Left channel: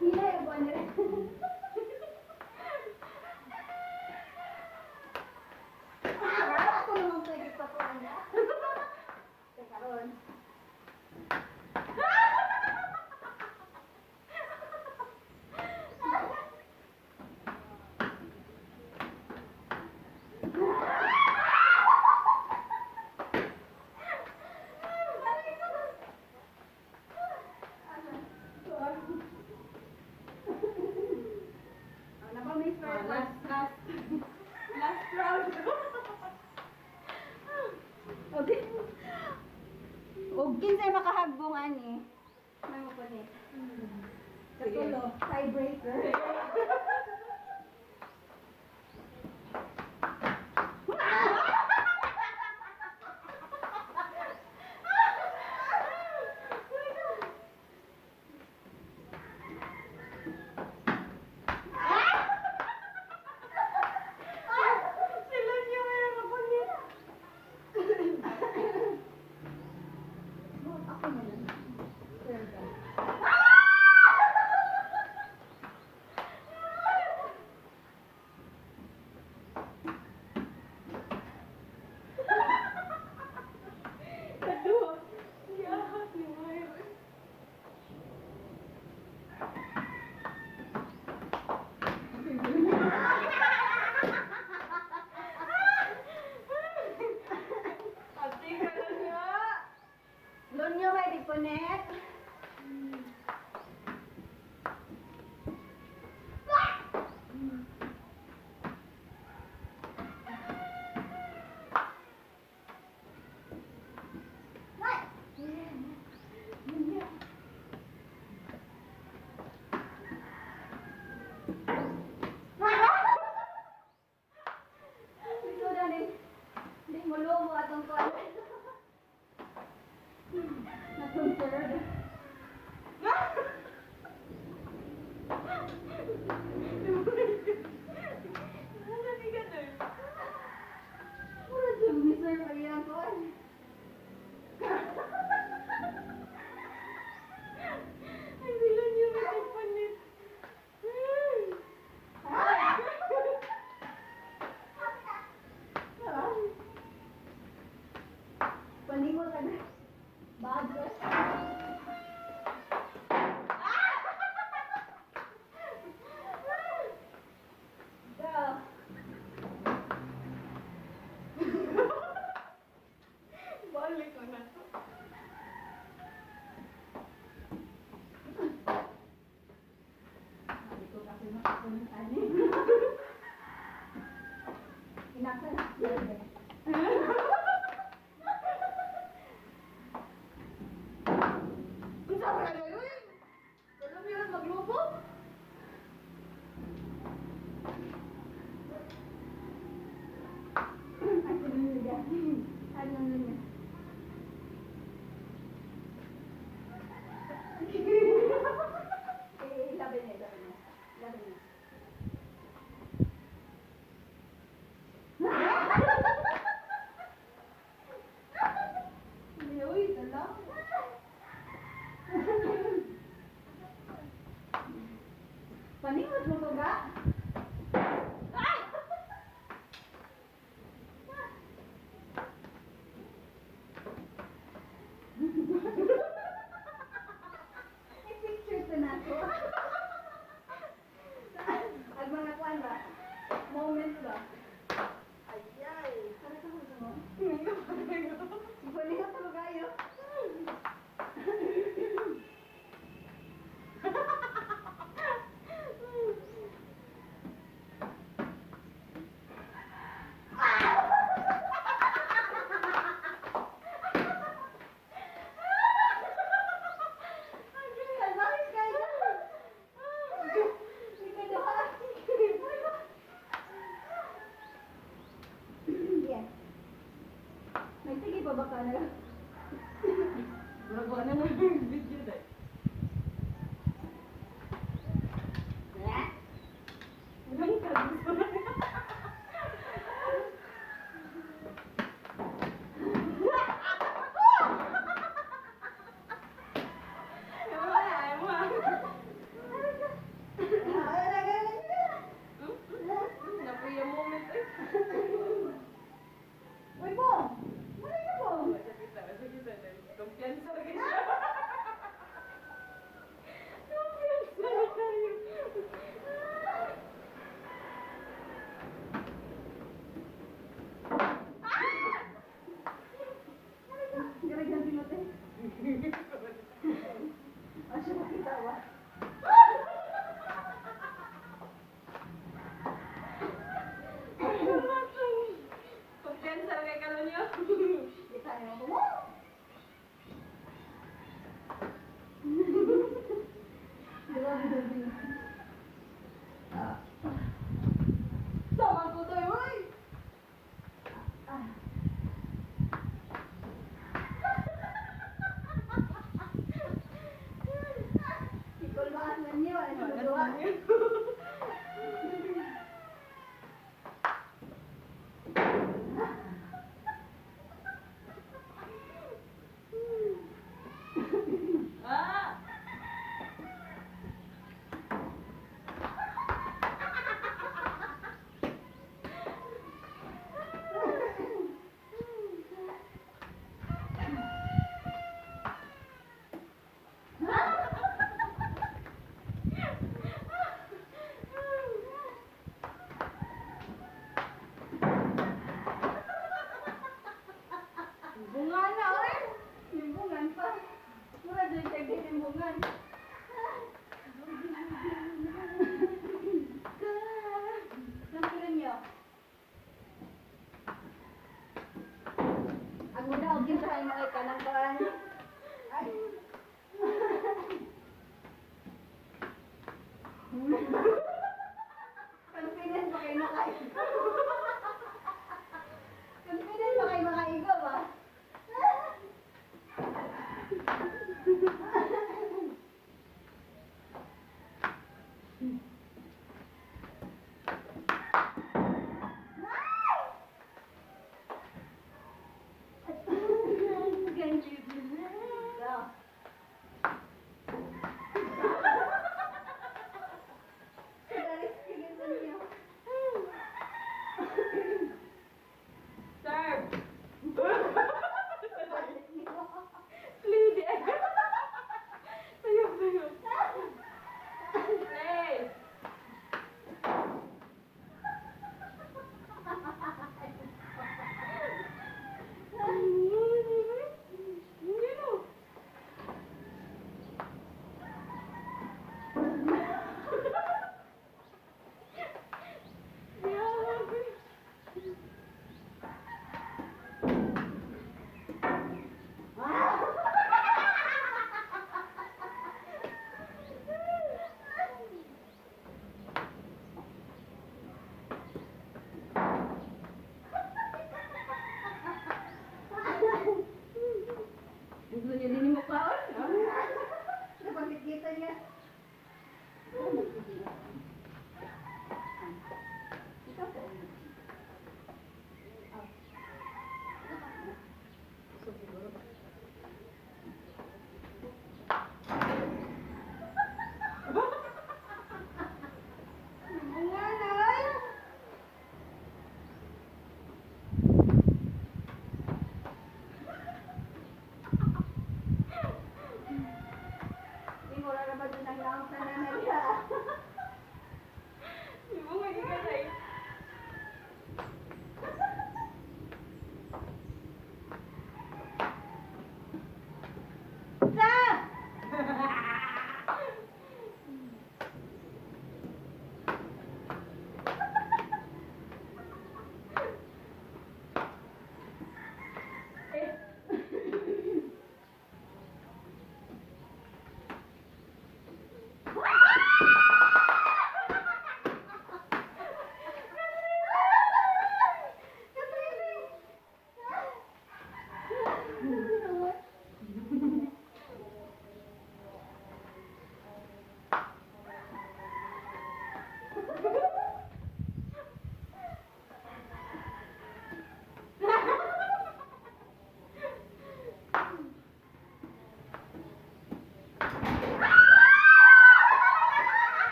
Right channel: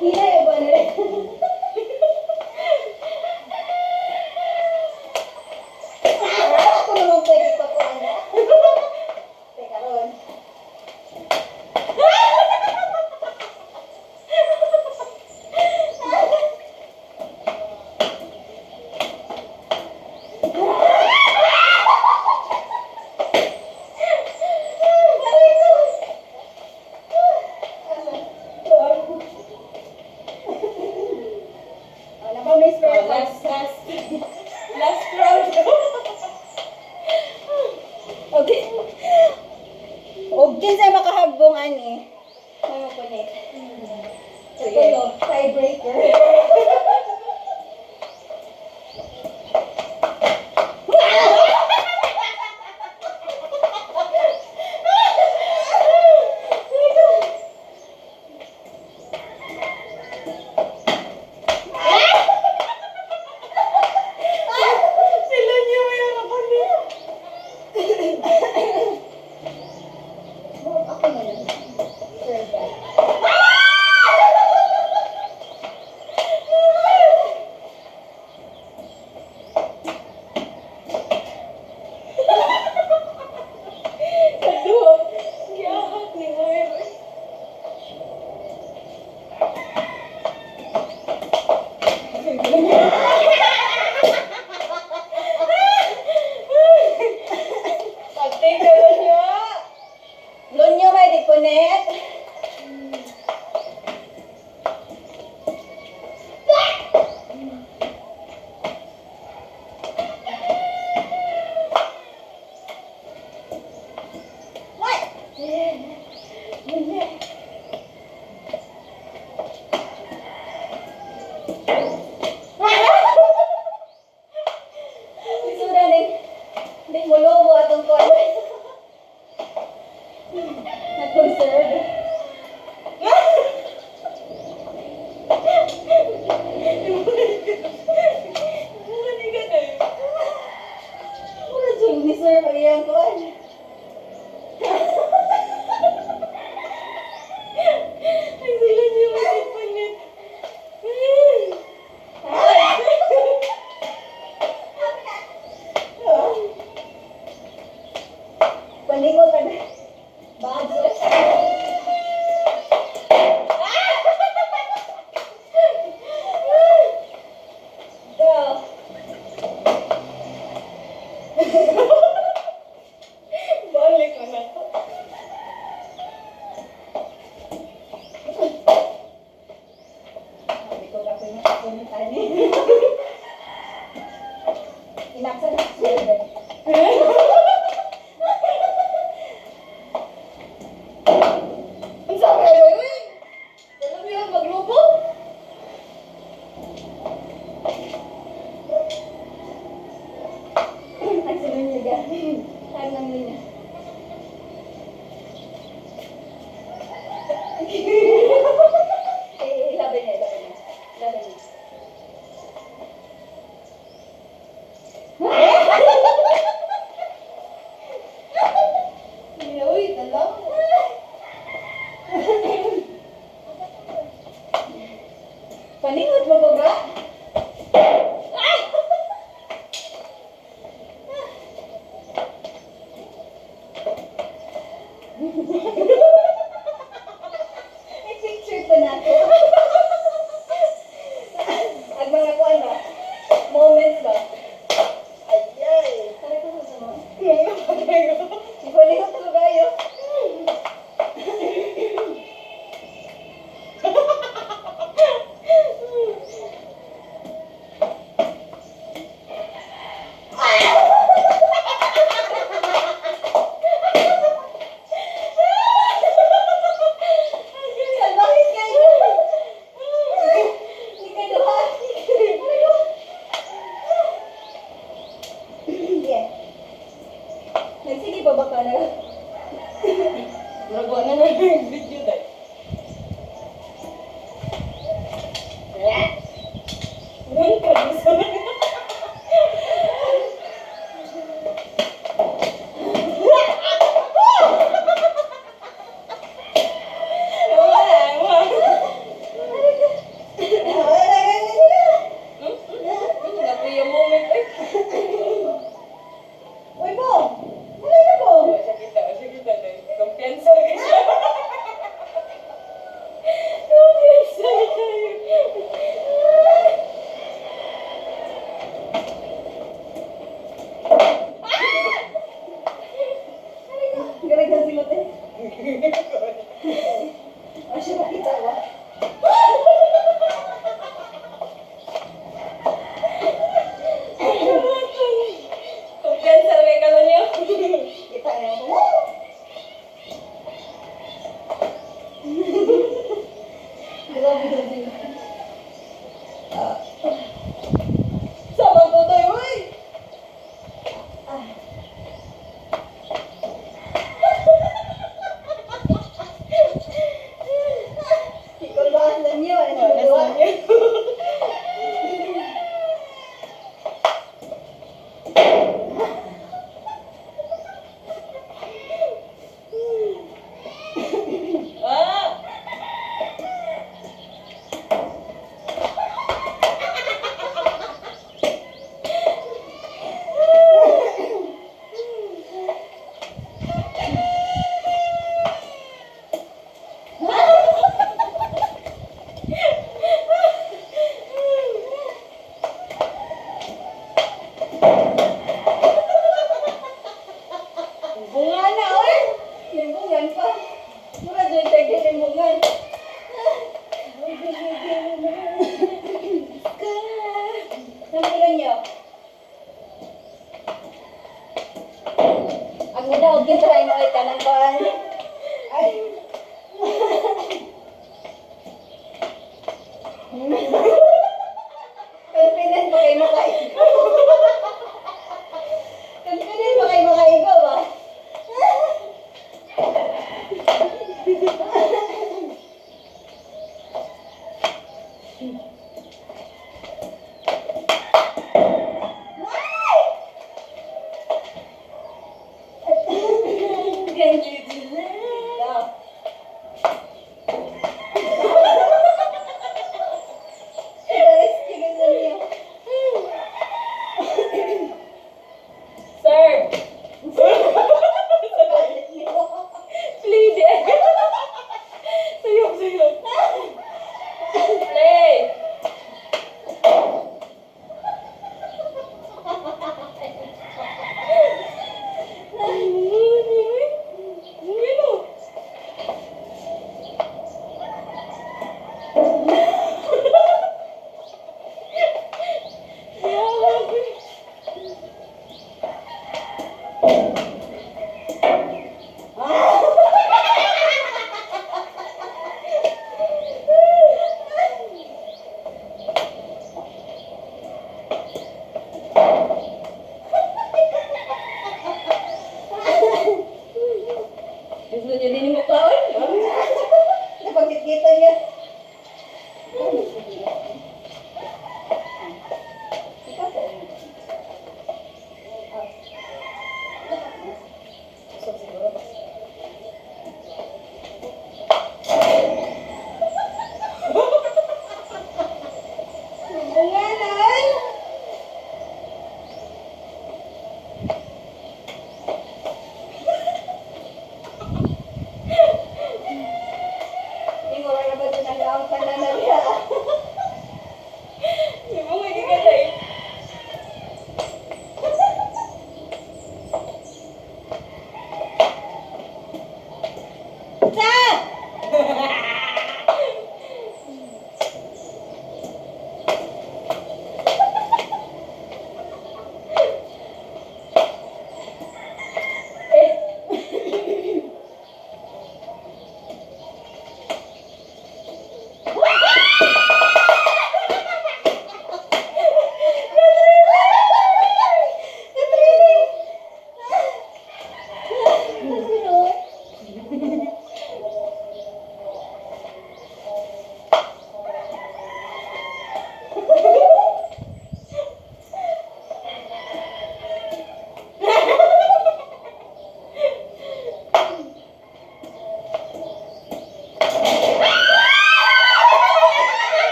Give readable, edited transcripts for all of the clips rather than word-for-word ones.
Hila yung ba na rin? Ako naman pwede pa po, ano? Teka ron. Ano ba, Miss Oh, Fairfax? last round. Okay. Og kinsa makahagbong ani? May mapunit. Sige. Ito, tiebreaker. Sila niyo yung kapatid. Ako na lang. Sir, guys. Aduh, giahak ni Moira. Pagting ka lang niya. Lunyo may di punit. Sudah ning mulubo atong kuan. Atong serve. Hindi ka na. Mura jud ni sir pag iyang kuan. Ay, sila niyo magpapalit. Palingon ka na. Badzo. Go. Balik ko na to. Sabi ko kapag nakapunta ni. Inaksan na sir. Ang sabi kayo eh. Alam mo yan, maglubo. Ang sunod niya galing. Ang ano niya. Laban niya, laban niya. Laban niya. Uy, dalaw. Paningot mo ba ba? I-picture ko na to. Ang mga kuan ba? Moments ba? Ayay. Sabi ko sa mo. Ngayon pa kayo. Ipalingot ko kayo. Salbahis kayo. Hindi kayo duha. Yeah. Nagsige pa ba ka na? Nagawa na yung video dahil. Ngayon ka gusto na. Sama ko tayo, uy! Ikuluan na niyo. Ikuluan. Ah! Bunga na, oy! Limbungan pa. Mura doon tayo limbungan. Namilan niyo. Ang ganda, huwag yung try mo ay kanang kuhan. Ay. Confident ba kayo makaigo? Confident ba kayo makaigo ba? Sir! Please! Sayop, sayop. Play! Gusto niyo din yung mukhaon? Napagkikita niya. Bunganan! Hindi mo rin ba dyan ang laong pananaliha? Yung mga gigalay.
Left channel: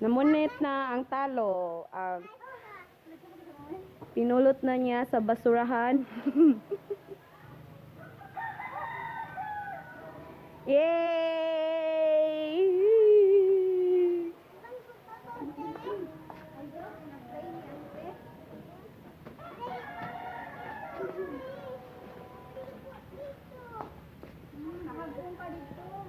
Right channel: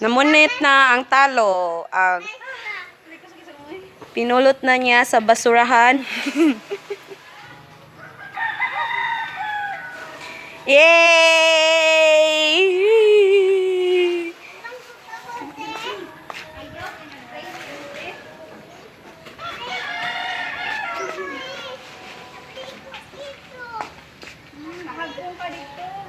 Namunit na ang talo. Ang pinulot na niya sa basurahan. Yay! Nakagpong ka dito.